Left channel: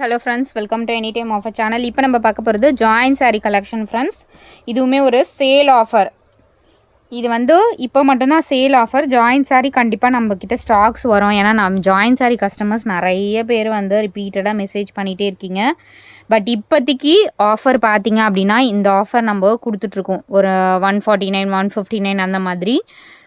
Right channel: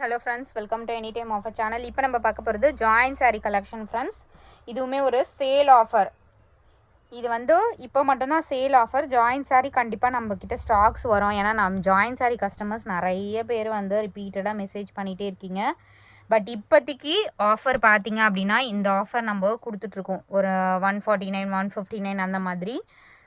Hello friends, welcome to any time offer channel. இப்போ நம்ம பார்க்க போகிறது ஜாயின் சாரீ கலெக்ஷன் ஃப்ரெண்ட்ஸ். இதுவுமே ஒரு சேல் ஆஃபர். இது வந்து இப்போ மட்டும்தான் சேல் ஆஃபர். ஜாயின் சாரீ கண்டிப்பாக நம்மக்கிட்ட ஸ்டாக்ஸ் வரும். ஏன்னா நம்ம ஜாயின் சாரீ கஸ்டமர்ஸ் நிறைய பேர் வந்து ரிப்பீட்டடாக மெசேஜ் பண்ணிகிட்டே இருக்கீங்க. பட் இப்போதைக்கு ஆஃபர் பார்த்தீங்க அப்படின்னா இந்த ஆஃபர் நம்ம கொடுத்துட்ருக்கோம். ஒரு 149 159 அந்த மாதிரி.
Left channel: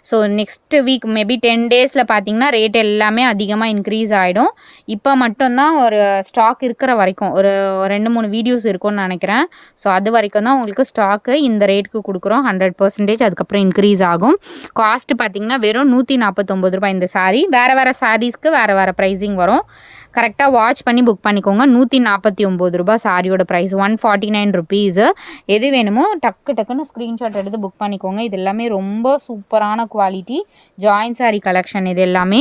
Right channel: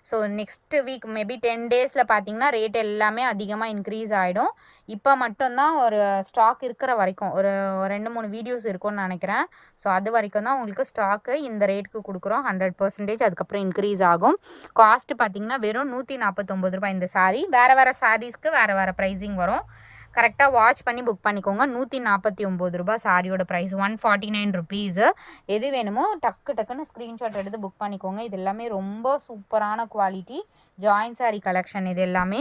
ஸோ நெக்ஸ்ட் வீக் மேபி 10 டேஸில் பார்த்தீங்கன்னா ரேட் எல்லாமே அதிகமாக இன்க்ரீஸ் ஆகிடும். இப்போ மட்டும்தான் ஒரு ஸ்டாக் இருக்கிற வரைக்கும் ஒரு 2-3 வீடியோஸ் இருக்கும்னு நினைக்கிறேன். ஸோ அது வரைக்கும் தான் உங்களுக்கு ஸ்டாக்கு இந்த ரேட்டுக்கு கொடுக்குறோம். 100%. அதுக்கப்புறம் இன்க்ரீஸ் ஆகும். காஸ்ட் பார்த்தீங்கன்னா வெறும் ₹149 இந்த சாரீ. வேறு வேறு சாரீஸ்க்கு வேறு வேறு ப்ரைஸிங் வரும். கரெக்டாக வாட்ச் பண்ணி புக் பண்ணிக்கோங்க. ₹149 சாரியோட ப்ரைஸ். 149 ருபீஸு. எது வேணுமோ டக்குன்னு ஸ்க்ரீன்ஷாட் எடுத்து புக் பண்ணிக்கோங்க. இது எல்லாமே ரொம்ப சூப்பரான குவாலிட்டி ஜாயின் சாரீ கலெக்ஷன் இது எல்லாமே.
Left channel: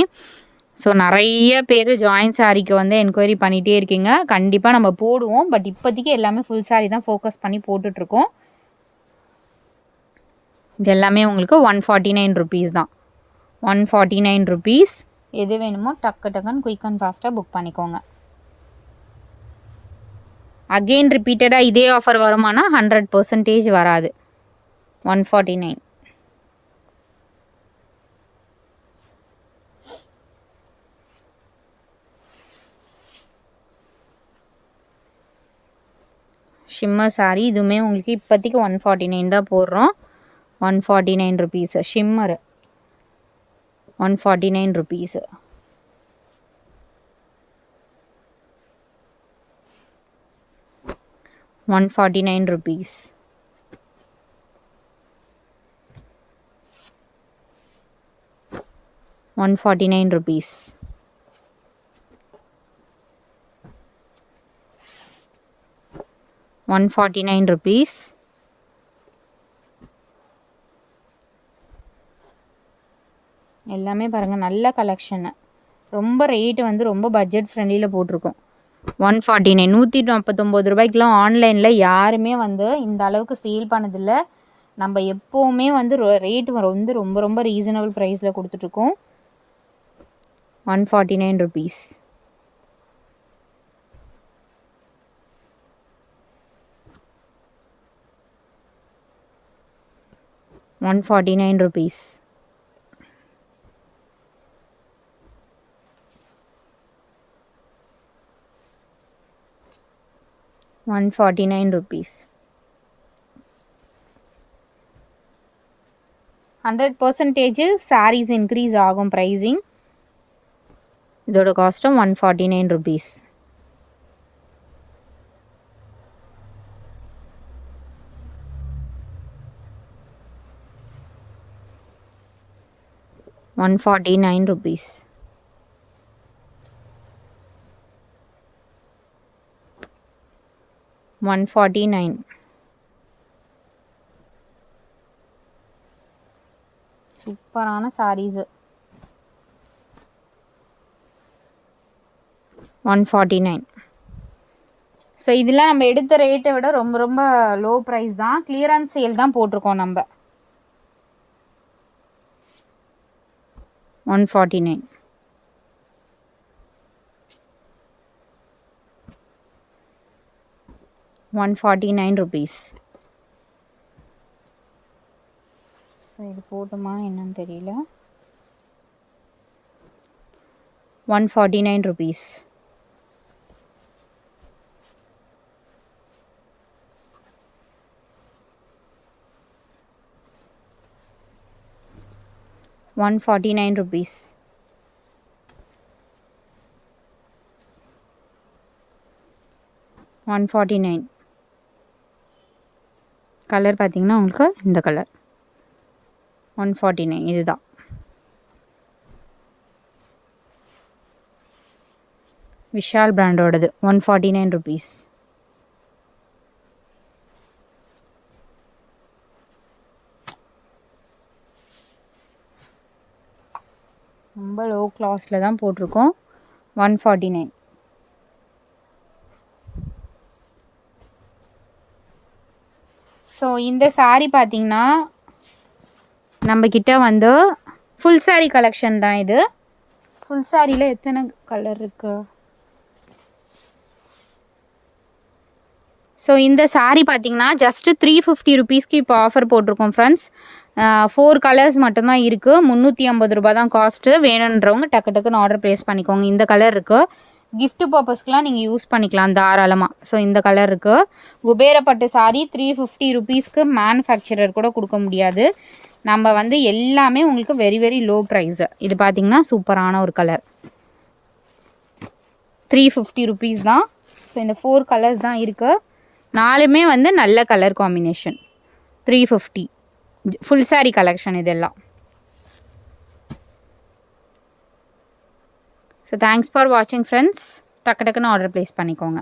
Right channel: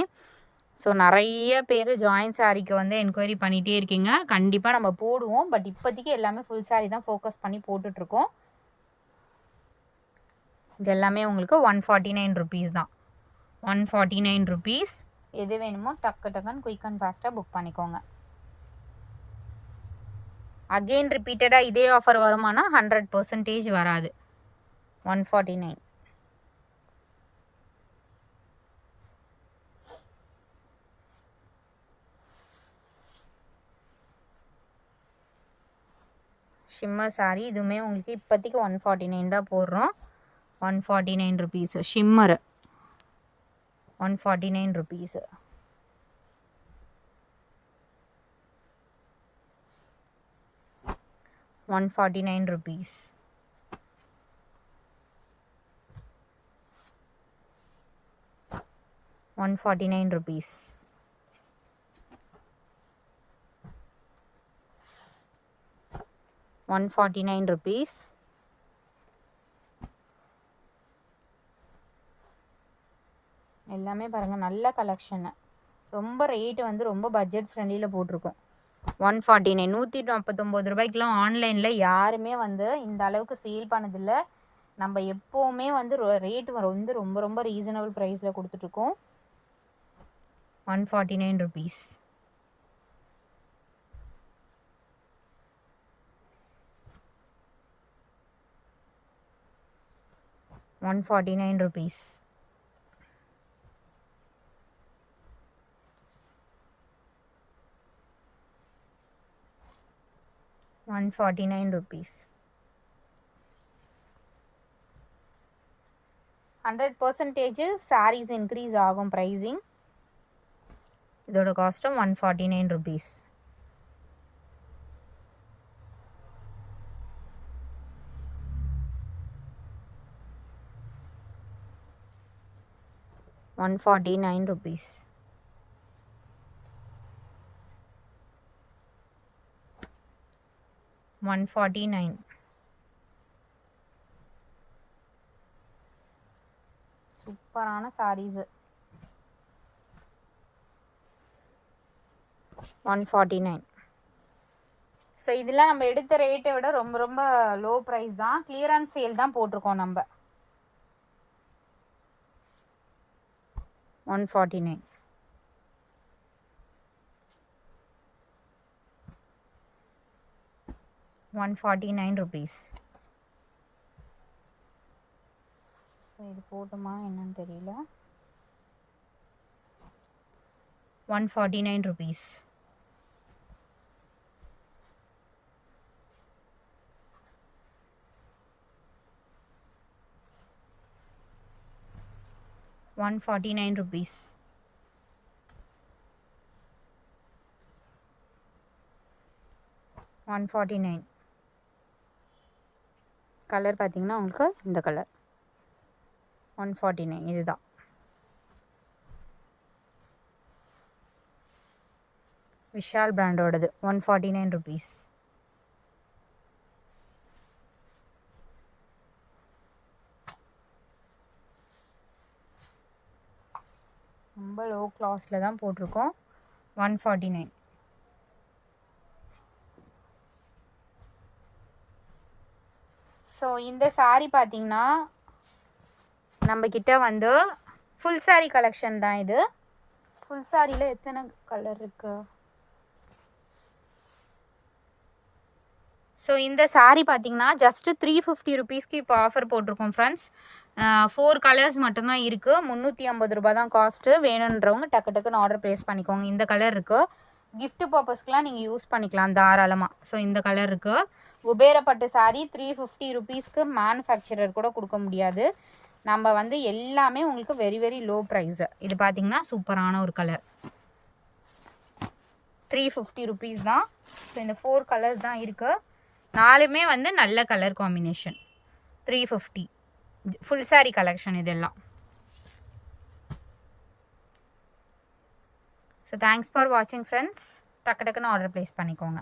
ஸோ நிறைய பேர் ஜாயின் சாரீக்கு வந்து என்கொயரி பண்ணிகிட்டே இருக்கீங்க. கண்டிப்பாக நம்ம போடுவோம். பட் இப்போதைக்கு எல்லாமே ஃபுல் சாரீ தான் ஃபோக்கஸ் பண்ணி போட்டுட்ருக்கோம். இது எல்லாமே உங்களுக்கு 149 ருபீஸ் தான். 149 ருபீஸ். எது வேணுமோ டக்குன்னு குயிக் அண்ட் ஃபாஸ்ட்டாக புக் பண்ணிக்கோங்க. அகெயின் ரிப்பீட்டடாக இதே ஆஃபர் வருமானா 100% வராது. 149. ஷிம்மர் சாரீ இதுவுமே உங்களுக்கு இப்போதைக்கு 149 தான் போடுறோம். 149 ருபீஸு. ஷிம்மரு 149 ருபீஸு. ₹149. 149 rupees. ₹149. எல்லாமே பாருங்கள் நல்ல கலெக்ஷனு. ரொம்ப ரேட்டு வந்து ரொம்ப பட்ஜெட் ஃப்ரெண்ட்லியில் போட்டிருக்கோம். 149 ₹149 ஆன்லைனில் யாருமே வந்து இந்த அளவுக்கு சேல் பண்ணதில்லை. நம்ம எப்போவுமே வந்து ரேட்டு வந்து ரொம்ப ரொம்ப ரீசனபிள் ப்ரைஸில் கொடுத்துட்ருக்கோம். ₹149. ₹149. ₹149. 100% சாரீஸ் இன்க்ரீஸ் ஆகும் ப்ரைஸிங். இதோட காஸ்ட்டும் ₹149. ₹149. $149. சூப்பரான சாரீஸு. 149. ஸோ இதெல்லாம் நம்ம எடுத்த ரேட்டை விட ரொம்ப ரொம்ப லோ ப்ரைஸ் தான். கிளியரன்ஸ் சேல் தான் போட்டிருக்கோம் நம்ம. 149. ₹149. ஸோ இது போட்டுமா என்னன்னு தெரியல. ₹149. ₹149. $149. கலர் பார்த்தீங்கன்னா உங்களுக்கு இந்த கலர் 149 இதுதான். விஷால் பிராண்டோடது. ₹149. ரொம்ப லோ கிளாஸில் தான் போட்டிருக்கோம். 149. ஸோ இந்த சாரீ பார்த்தீங்கன்னா நம்மக்கிட்ட வந்து ஃபுல் சாரீ கலெக்ஷன் தான் இது. ஃபுல் சாரியில் எத்தனை கலர் இருக்குது? ஸோ இந்த saree பார்த்தீங்கன்னா ஜஸ்ட்டு 350 ருபீஸ்க்கு இப்போ ஆஃபர் போட்டிருக்கோம் ஃப்ரெண்ட்ஸ். 4 கலர்ஸ் மட்டும்தான் இருக்குது. 350 ரூபா தான் காஸ்ட்டு. வேணுன்றவங்க டக்கு டக்குன்னு ஆர்டர் ப்ளேஸ் பண்ணிக்கோங்க. இந்த கலர் இருக்குது. gift பர்பஸ்க்குலாம் நீங்கள் யூஸ் பண்ணிக்கலாம் தாராளமாக. ஸோ இந்த கலர் இருக்குது. குபேரப்பட்டு saree 350 ருபீஸ்க்கு மேனுஃபேக்சரர் கூட கொடுக்க முடியாது. நம்ம வந்து எல்லாமே உங்களுக்கு வெரி வெரி லோ ப்ரைஸு. இது பார்த்திங்கன்னா சூப்பரான ஒரு கலர். 350 ருபீஸ் தான். ஸோ இந்த 4 கலர்ஸ் தான் இருக்குது. 4மே வந்து நல்ல colour combination. 350 full saree collection இதெல்லாம். ஸோ தேங்க்ஸ் ஃபார் வாட்சிங் ஃப்ரெண்ட்ஸ். டக்கு டக்குன்னு ஆர்டர் ப்ளேஸ் பண்ணிக்கோங்க.